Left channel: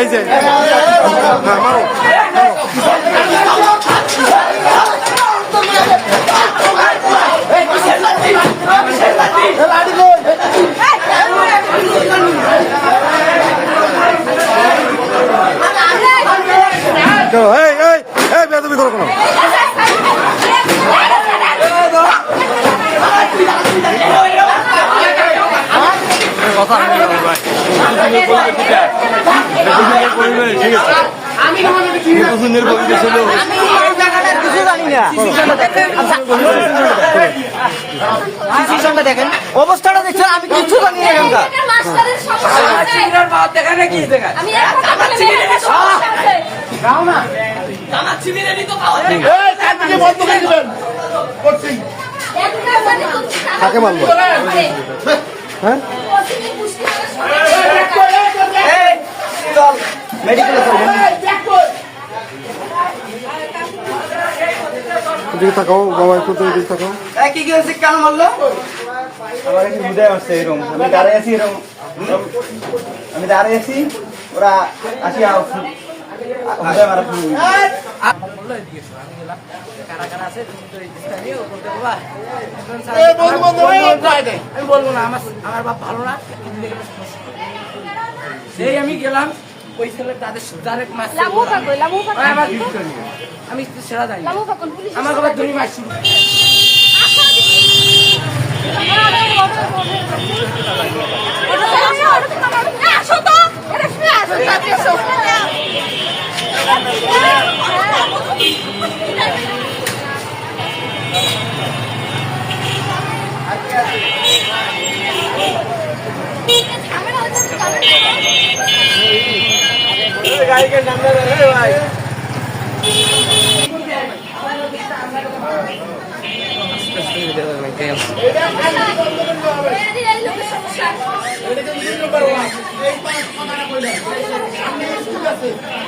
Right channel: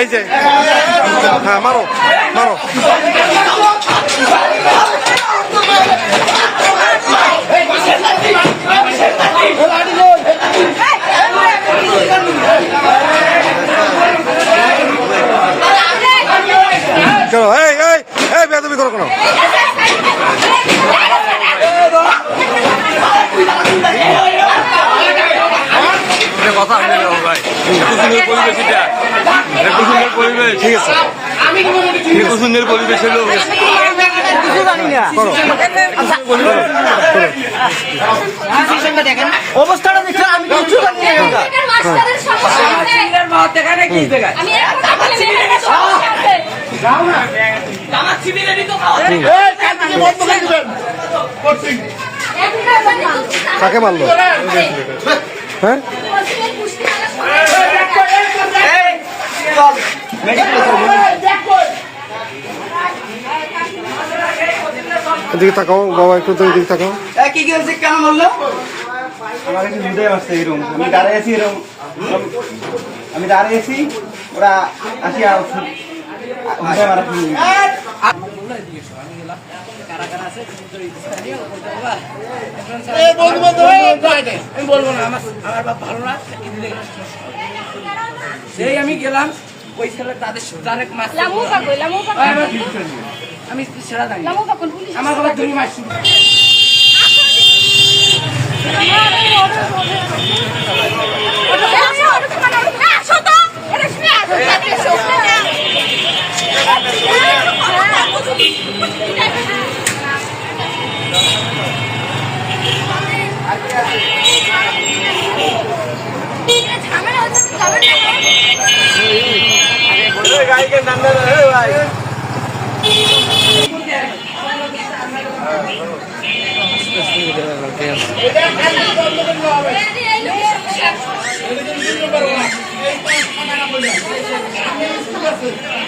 এই যে হ্যাঁ মারো বেদবি করো কোনো ঠিক আছে সুন্দর পরিবেশ হলো কিছু জানি না দেখেন অবস্থাটা দেখছেন আমি কিছু জানি কাকে মারলো হ্যাঁ এদিকে তাকাও বাবা একটু তো এদিকে তাকাও কি গেছে কেন বললো আমার কাছে বুঝে আসছে এরকম আমি দাঁড়িয়ে আছি এরকম আমি দাঁড়িয়ে আছি ওরা আসি আমি বলবো না আমার বাপ ভালো না সেই আমি গেলাম ওই ছেলে তাদের আমি সেরা জানি আমার বাবা ধরি মারছি गाड़ी के नंबर है भाई Ready,